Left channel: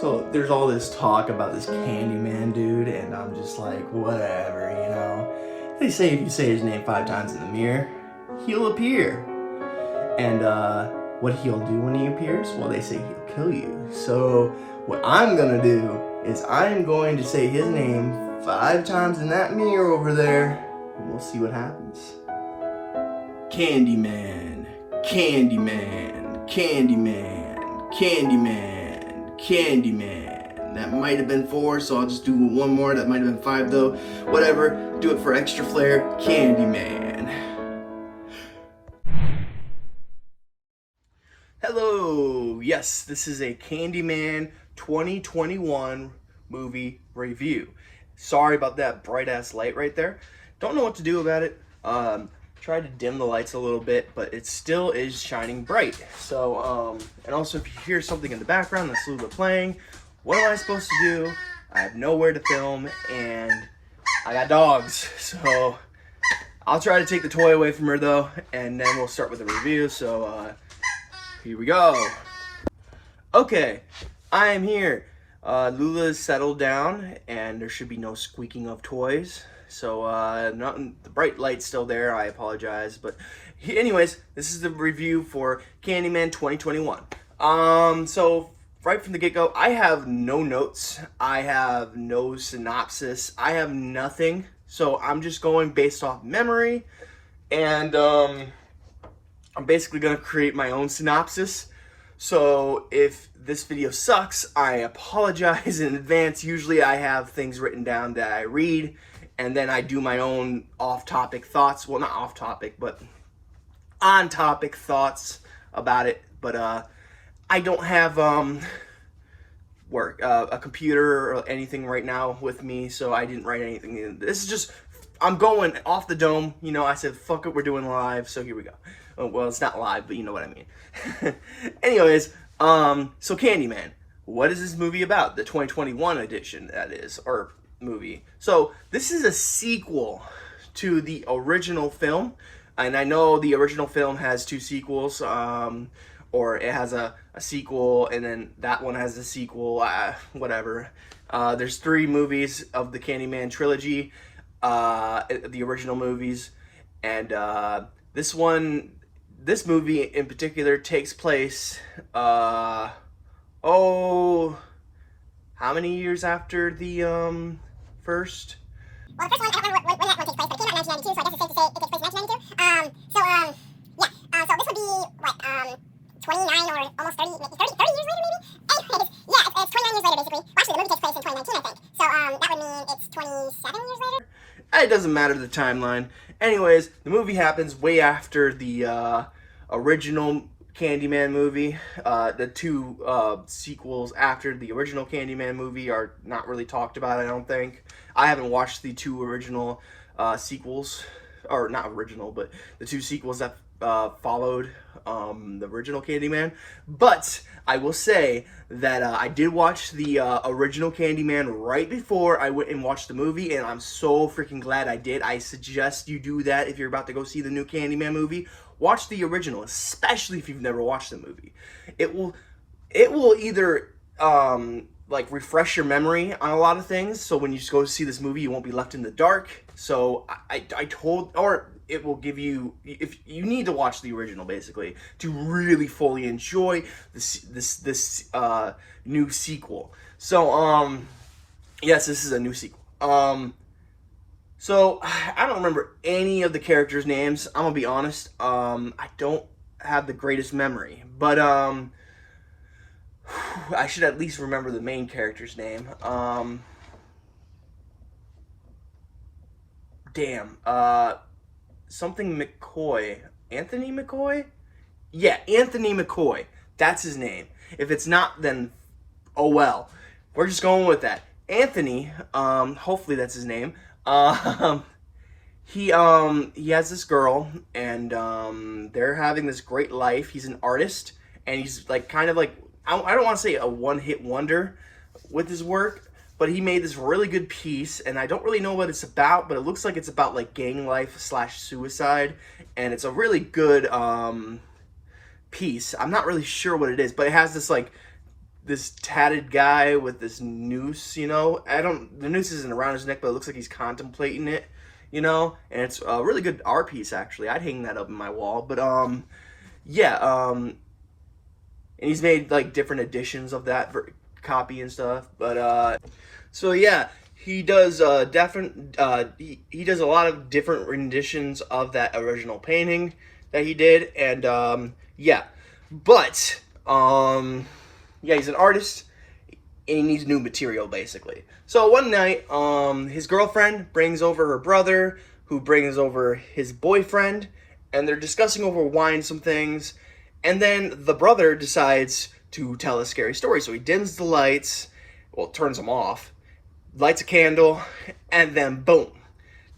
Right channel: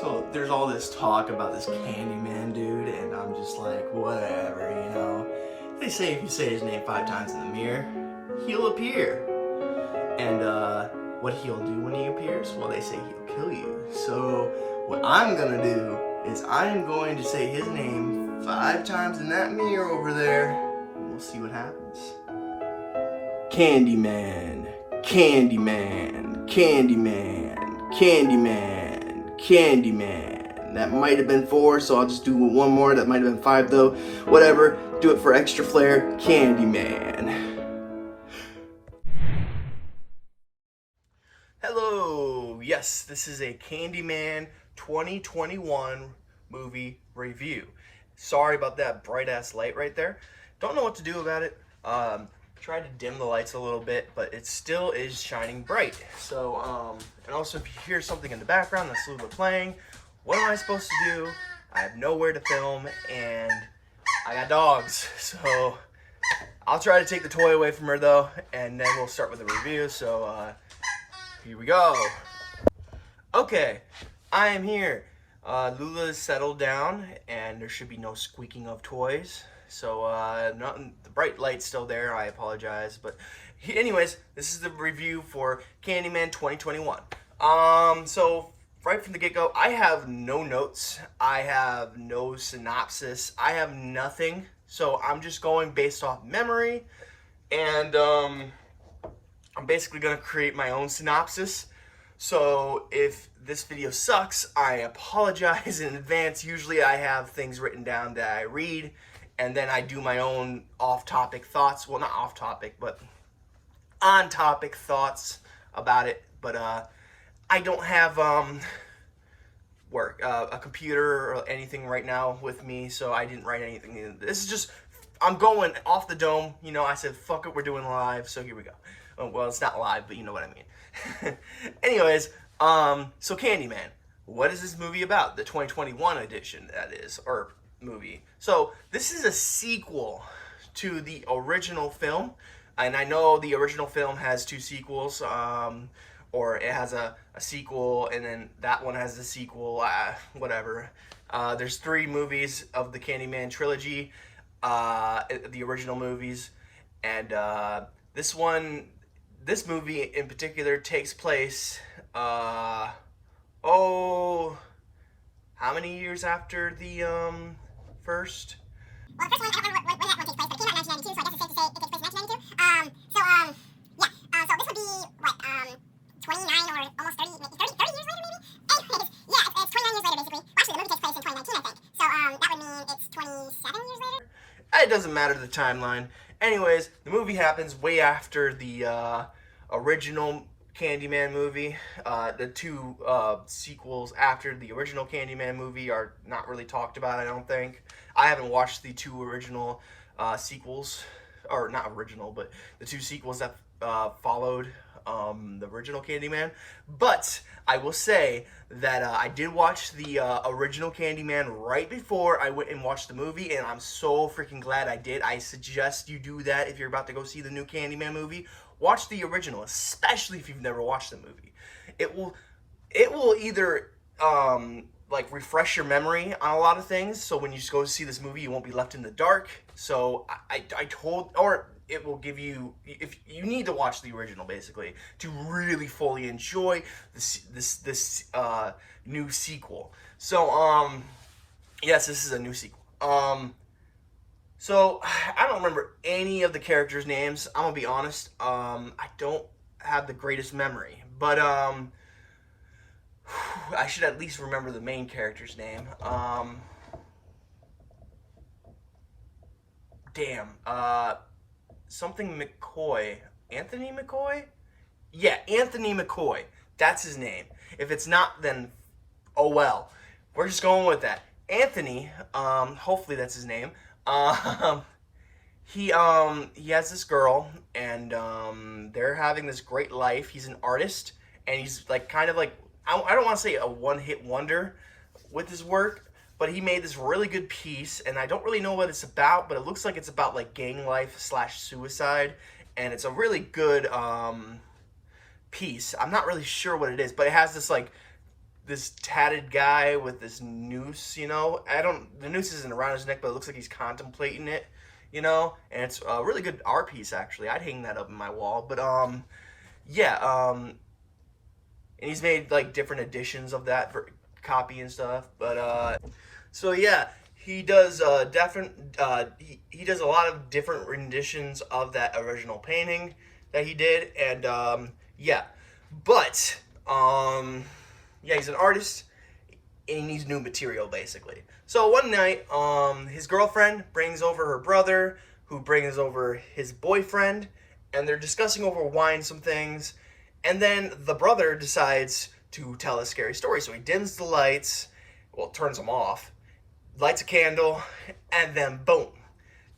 So there's all this talk about this Candyman dude, and I'm just like, whatever, you know. They say if you say his name 5 times in the mirror, he'll appear. And what he'll do when he appears, well, they say he'll kill you. So what I'm gonna do is I'm going to say his name 5 times in that mirror over there, and we'll see what happens. Candyman, Candyman, Candyman, Candyman, Candyman. That might have been 4, so I'll just do one more. That might have been 5 though. Whatever, do it for extra flair. Candyman. Hello, yes, this is a Candyman 2021 movie review. Sorry about that bright ass light right there. Don't know what to do about it. Tried to dim the lights a little bit, but it still is shining bright. So, and also if you hear something in the background that's a little bit playing, what am I supposed to do? I have nowhere to film, and I got dogs. So, I'll try to take the toy away from her though, and then we'll start with the review. So, here we go. Okay, I am here. Lula's settled down, and there should be no squeaking of toys. So, the bright light's still there. I apologize, but anyways, this is the review for Candyman 2021. So right from the get-go, I have no notes. I have no synopsis. I have nothing. So I'm just going based off memory, and I'm basically gonna create my own synopsis. So if this video sucks, I apologize in advance. Usually I have things written down that I read, and then I do my own off-topic thoughts. Well, not off-topic, but on-topic thoughts about it. But I don't have a computer or anything right now with me, so I didn't write anything. This is just, I'm going off the dome. You know, I said, fuck it, we're doing live, so here we go. Well, it's not live, but you know what I mean. Anyways, so Candyman. What is this movie about? The 2021 edition, that is, or movie. So this is a sequel to the original film, and I know the original film has 2 sequels, or it has a sequel, and then that one has a sequel, whatever. There's 3 movies of the Candyman trilogy, the original movies, and this movie in particular takes place, how many years after the first? Well, the first one, I don't remember when that one takes place, but it came out in 1992, so I guess it's safe to say it takes place in 1992. So this would be, what, 29 or almost 30 years later, maybe? Anyways, yeah, it's 29 years later, basically. Well, actually, the movie takes place in 2019, I think. So, that would mean it's 27 years later? It doesn't matter the timeline. Anyways, the movie happens way after the original Candyman movie. The 2 sequels after the original Candyman movie are not really talked about, I don't think. I haven't watched the 2 original sequels, or not original, but the 2 sequels that followed the original Candyman. But I will say that I did watch the original Candyman right before I went and watched the movie, and I'm so freaking glad I did. I suggest you do that if you're about to go see the new Candyman movie. Watch the original, especially if you've never watched the movie. It will either like refresh your memory on a lot of things, so when you go see this movie, you won't be left in the dark. So or it will give you, if you need to watch the original basically to really fully enjoy this new sequel. So yes, this is a new sequel. So I don't remember any of the characters' names. I'm gonna be honest. I don't have the greatest memory, but I should at least remember the main character's name. Something McCoy. Anthony McCoy? Yeah, Anthony McCoy. That's his name. If it's not, then oh well. We're just going with that. Anthony, hopefully that's his name. He has this girl, and they're having this great life. He's an artist, and he's like kind of like, I don't want to say a one-hit wonder with his work, but he made this really good piece, and I don't really know what it's about, but it looks like it's about like gang life / suicide, and it's a really good piece. I'm not really sure what it is, but it has this like this tatted guy with this noose, you know. The noose isn't around his neck, but it looks like he's contemplating it, you know. And it's a really good art piece, actually. I'd hang that up in my wall. But yeah, and he's made like different editions of that copy and stuff. But so yeah, he does he does a lot of different renditions of that original painting that he did, and yeah, but yeah, he's an artist and he needs new material basically. So one night, his girlfriend brings over her brother, who brings over his boyfriend, and they're discussing over wine some things, and then the brother decides to tell a scary story. So he dims the lights, well, turns them off, lights a candle, and then boom.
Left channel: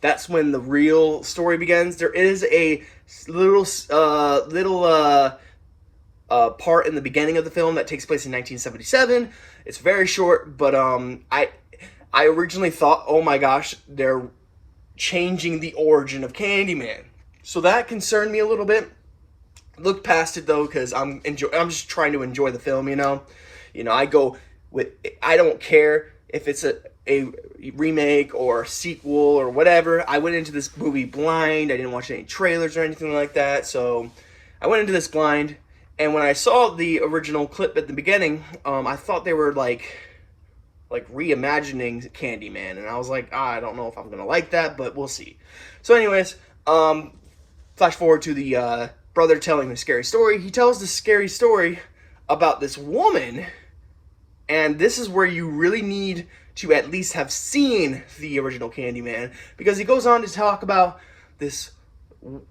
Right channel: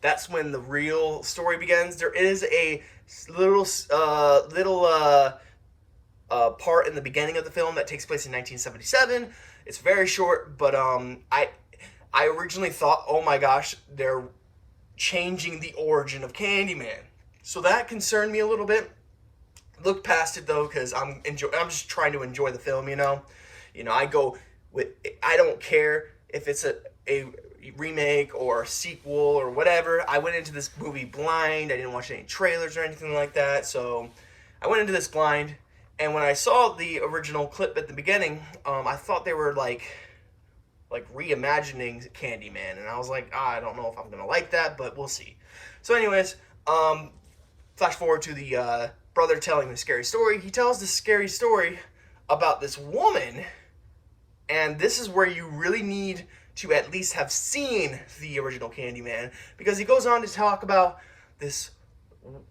That's when the real story begins. There is a little part in the beginning of the film that takes place in 1977. It's very short, but I originally thought, oh my gosh, they're changing the origin of Candyman. So that concerned me a little bit. Looked past it though, because I'm just trying to enjoy the film, you know. I go with, I don't care if it's a remake or a sequel or whatever. I went into this movie blind. I didn't watch any trailers or anything like that. So I went into this blind, and when I saw the original clip at the beginning, I thought they were like reimagining Candyman, and I was like, I don't know if I'm gonna like that, but we'll see. So anyways, flash forward to the brother telling the scary story. He tells the scary story about this woman, and this is where you really need to at least have seen the original Candyman, because he goes on to talk about this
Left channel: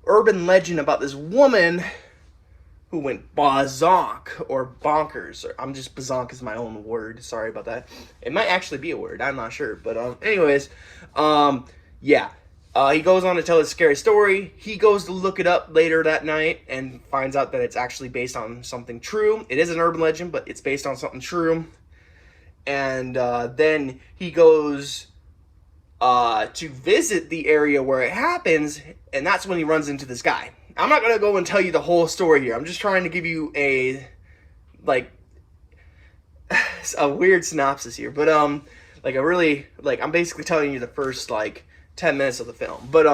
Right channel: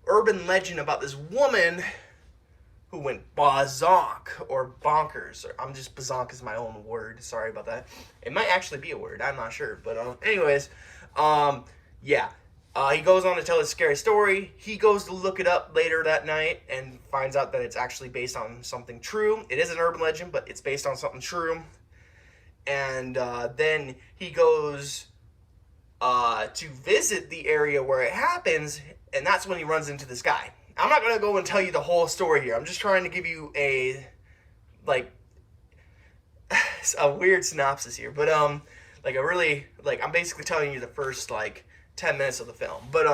urban legend about this woman who went bazonk or bonkers. Bazonk is my own word. Sorry about that. It might actually be a word. I'm not sure. But anyways, yeah. He goes on to tell his scary story. He goes to look it up later that night and finds out that it's actually based on something true. It is an urban legend, but it's based on something true. And then he goes to visit the area where it happens, and that's when he runs into this guy. I'm not going to go and tell you the whole story here. I'm just trying to give you a weird synopsis here. But I'm basically telling you the first 10 minutes of the film. But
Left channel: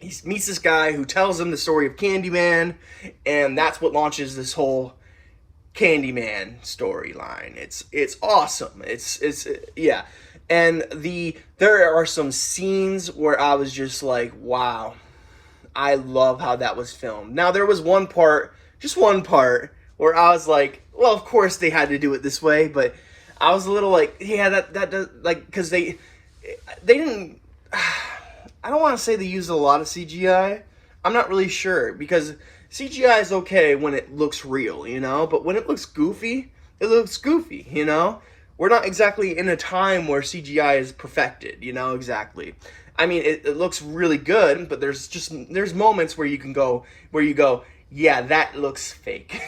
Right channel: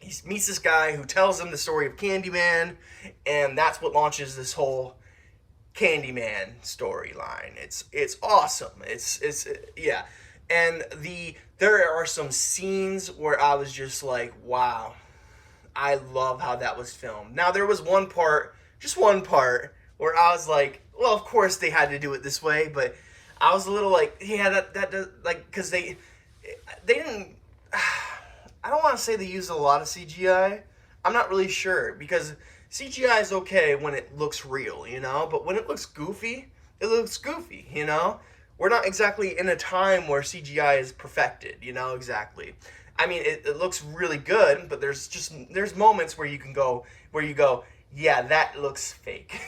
he meets this guy who tells him the story of Candyman, and that's what launches this whole Candyman storyline. It's awesome. It's yeah. And there are some scenes where I was just like, wow, I love how that was filmed. Now there was just one part where I was like, well, of course they had to do it this way, but I was a little like, yeah, that does, because they didn't, I don't want to say they used a lot of CGI. I'm not really sure, because CGI is okay when it looks real, you know, but when it looks goofy, it looks goofy, you know. We're not exactly in a time where CGI is perfected, you know, exactly. I mean, it looks really good, but there's moments where you go, yeah, that looks fake.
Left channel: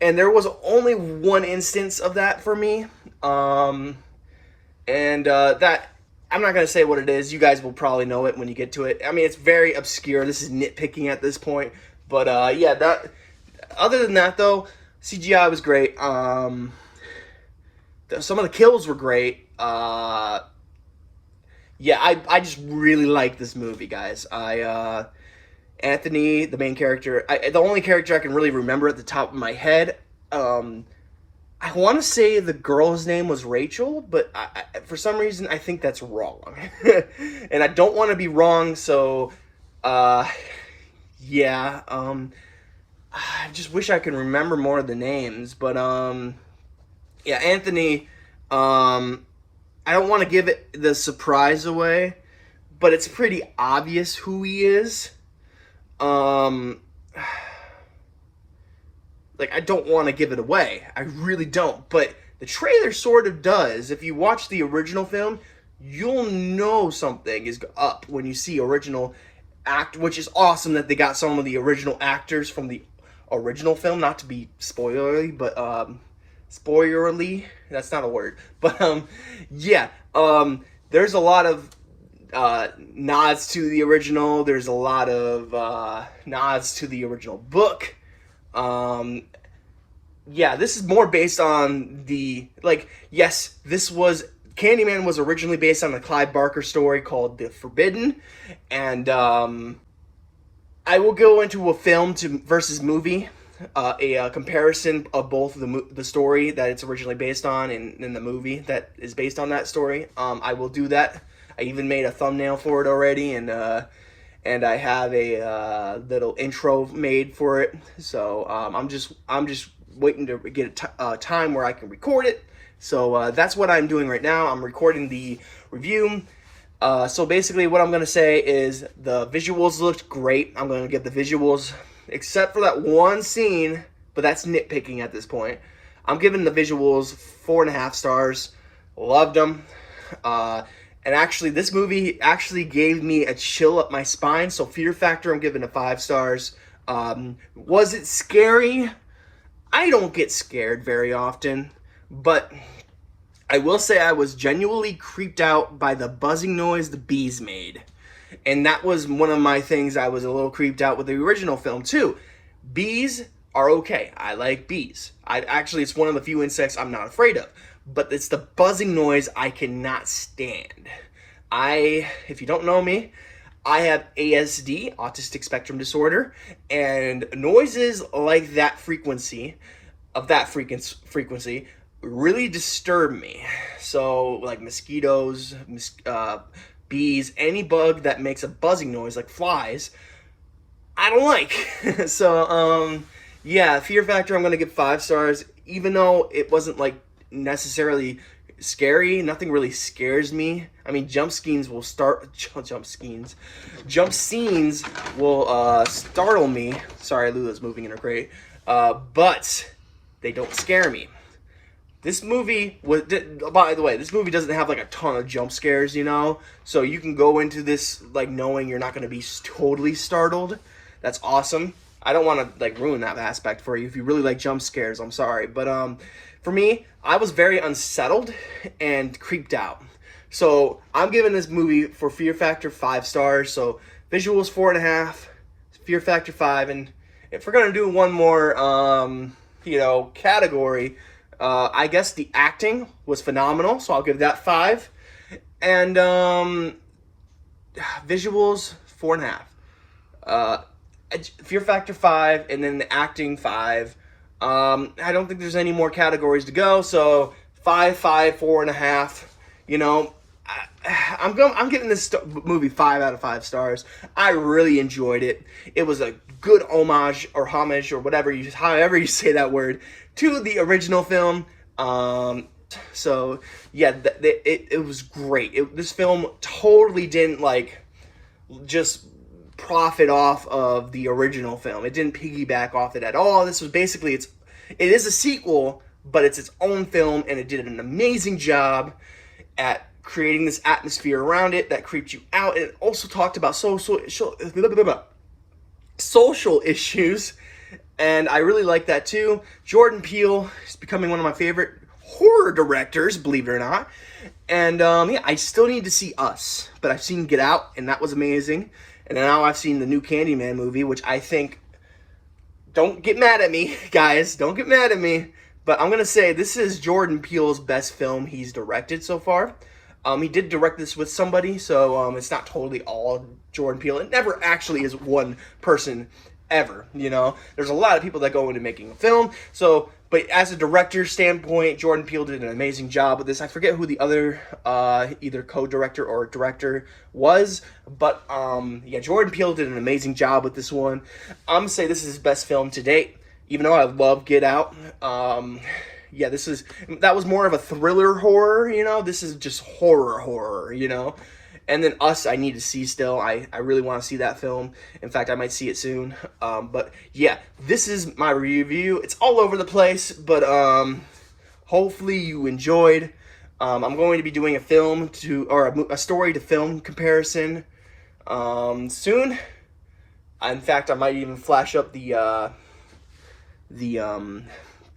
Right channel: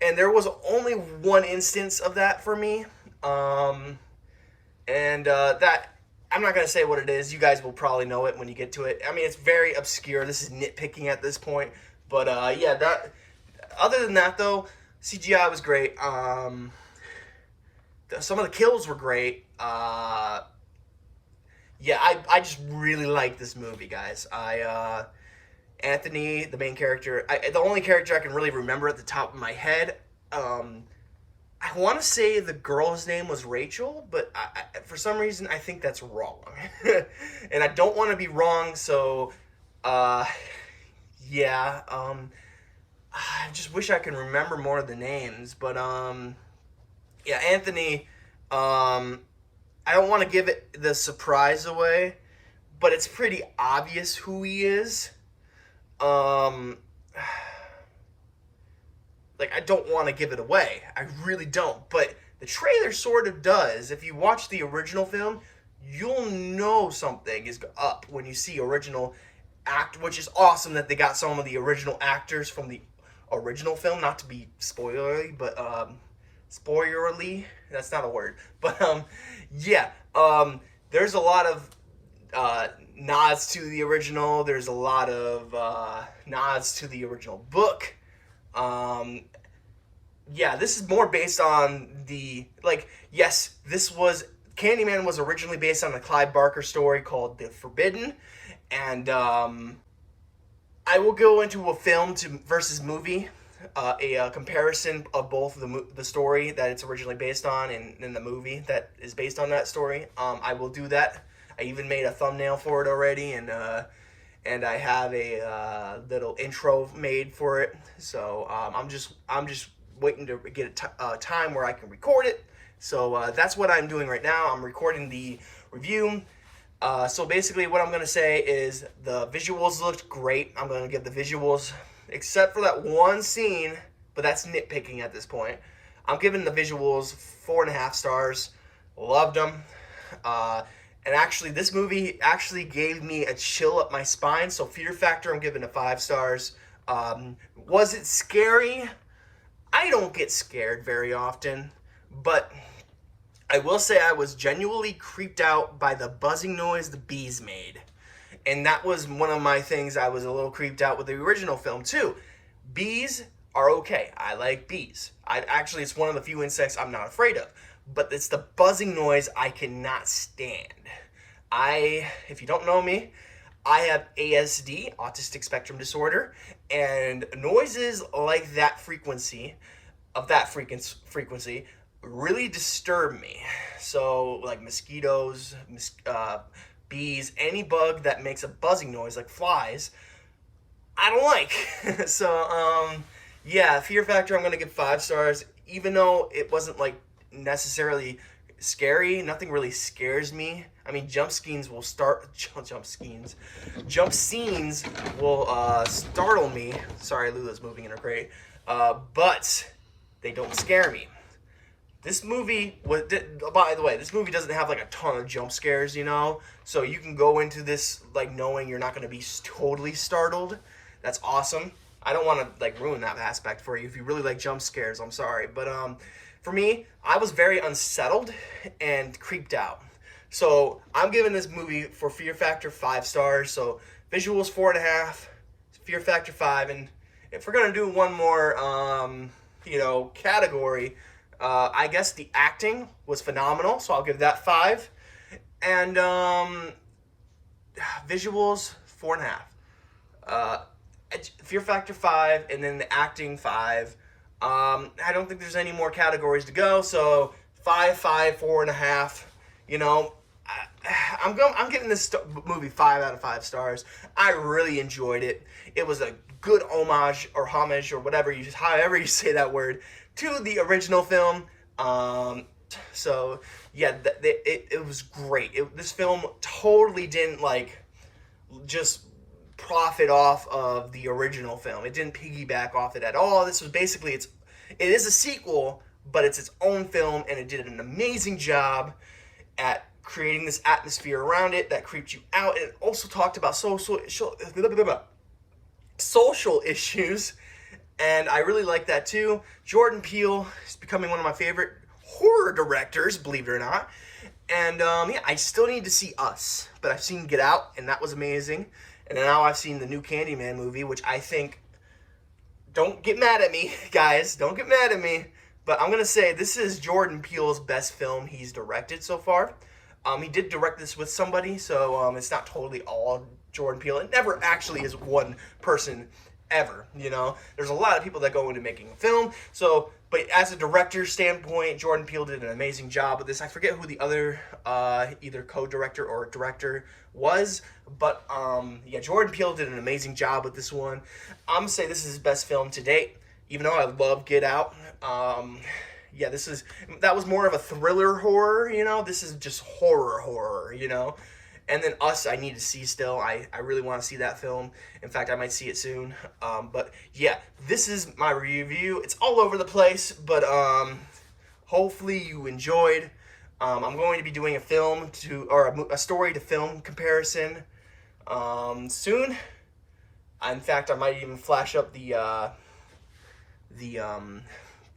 And there was only one instance of that for me. That, I'm not going to say what it is. You guys will probably know it when you get to it. I mean, it's very obscure. This is nitpicking at this point. But yeah, other than that though, CGI was great. Some of the kills were great. Yeah, I just really like this movie, guys. Anthony, the main character, the only character I can really remember at the top of my head, I want to say the girl's name was Rachel, but for some reason I think that's wrong. And I don't want to be wrong, so yeah, I just wish I could remember more of the names, but yeah, Anthony, I don't want to give it the surprise away, but it's pretty obvious who he is. I don't want to give it away. I really don't. But the trailer sort of does. If you watch the original film, you'll know something is up when you see original act, which is awesome that they got some of the original actors from the original film. Not to be spoilery, but spoilerly. That's not a word. But yeah. There's a lot of nods to the original. There's a lot of nods to the original book. yeah, this is more based on the, like, yes, this was, Candyman was originally based on a Clive Barker story called The Forbidden, and I will go into a film to versus movie, a comparison of both the story that it's originally based on and the movie that is based on that story. I will do that. I even made a thumbnail for it already, and I have a little intro made for it. So I'm just waiting to get a time where I can record it. So that's what I'm doing right now. I'm recording the review. So basically, what I'm gonna say is the visuals looked great. I'm gonna give the visuals, except for that one scene, but that's nitpicking at this point. I'm giving the visuals 4.5 stars. Loved them. And actually, this movie actually gave me a chill up my spine. So fear factor, I'm giving it 5 stars. Was it scary? I don't get scared very often, but I will say I was genuinely creeped out by the buzzing noise the bees made. And that was one of my things I was a little creeped out with the original film too. Bees are okay. I like bees. It's one of the few insects I'm not afraid of. But it's the buzzing noise I cannot stand. If you don't know me, I have ASD, autistic spectrum disorder, and noises like that frequency really disturb me. So like mosquitoes, bees, any bug that makes a buzzing noise like flies, I don't like. So yeah, fear factor I'm gonna give 5 stars, even though it wasn't like necessarily scary. Nothing really scares me. I mean, jump scenes will startle me. Sorry, Lula's moving in her crate. But they don't scare me. This movie was, by the way, this movie doesn't have like a ton of jump scares, so you can go into this like knowing you're not going to be totally startled. That's awesome. I don't want to like ruin that aspect for you. If you really like jump scares, I'm sorry, but for me, I was very unsettled and creeped out. So I'm giving this movie for fear factor 5 stars. So visuals 4.5, fear factor 5, and if we're gonna do one more, category, I guess the acting was phenomenal. So I'll give that 5, and visuals 4.5. Fear factor 5, and then the acting 5. I don't think there's any more categories to go, so 5, 5, 4.5. I'm giving this movie 5 out of 5 stars. I really enjoyed it. It was a good homage or whatever however you say that word, to the original film. So yeah, it was great. This film totally didn't like just profit off of the original film. It didn't piggyback off it at all. This was basically it is a sequel, but it's its own film, and it did an amazing job at creating this atmosphere around it that creeped you out. And it also talked about social issues, and I really like that too. Jordan Peele is becoming one of my favorite horror directors, believe it or not. And yeah, I still need to see Us, but I've seen Get Out, and that was amazing. And now I've seen the new Candyman movie, which I think, don't get mad at me, guys, don't get mad at me, but I'm going to say this is Jordan Peele's best film he's directed so far. He did direct this with somebody, so it's not totally all Jordan Peele. It never actually is one person ever, There's a lot of people that go into making a film, but as a director standpoint, Jordan Peele did an amazing job with this. I forget who the other either co-director or director was, but yeah, Jordan Peele did an amazing job with this one. I'm gonna say this is his best film to date, even though I love Get Out. Yeah, that was more of a thriller horror, This is just horror, And then Us, I need to see still. I really want to see that film. In fact, I might see it soon. But yeah, this is my review. It's all over the place, but hopefully you enjoyed. I'm going to be doing a story to film comparison soon. In fact, I might even flash up the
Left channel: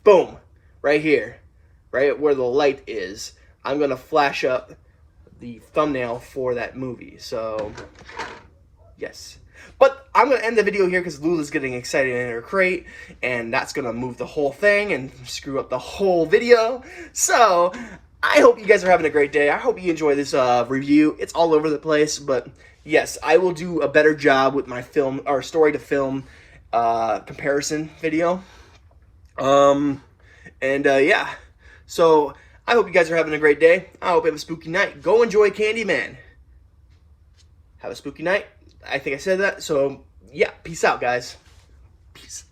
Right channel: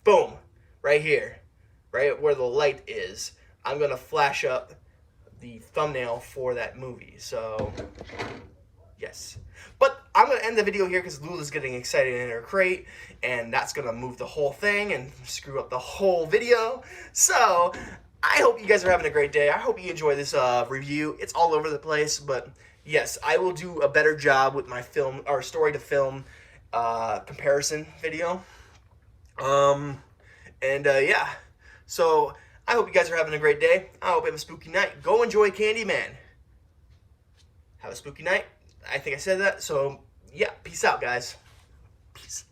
boom, right here, right where the light is. I'm gonna flash up the thumbnail for that movie. So yes, But I'm going to end the video here because Lula's getting excited in her crate, and that's going to move the whole thing and screw up the whole video. So, I hope you guys are having a great day. I hope you enjoy this review. It's all over the place, but yes, I will do a better job with my film, or story to film comparison video. Yeah. So, I hope you guys are having a great day. I hope you have a spooky night. Go enjoy Candyman. Have a spooky night. I think I said that. So, yeah, peace out, guys. Peace.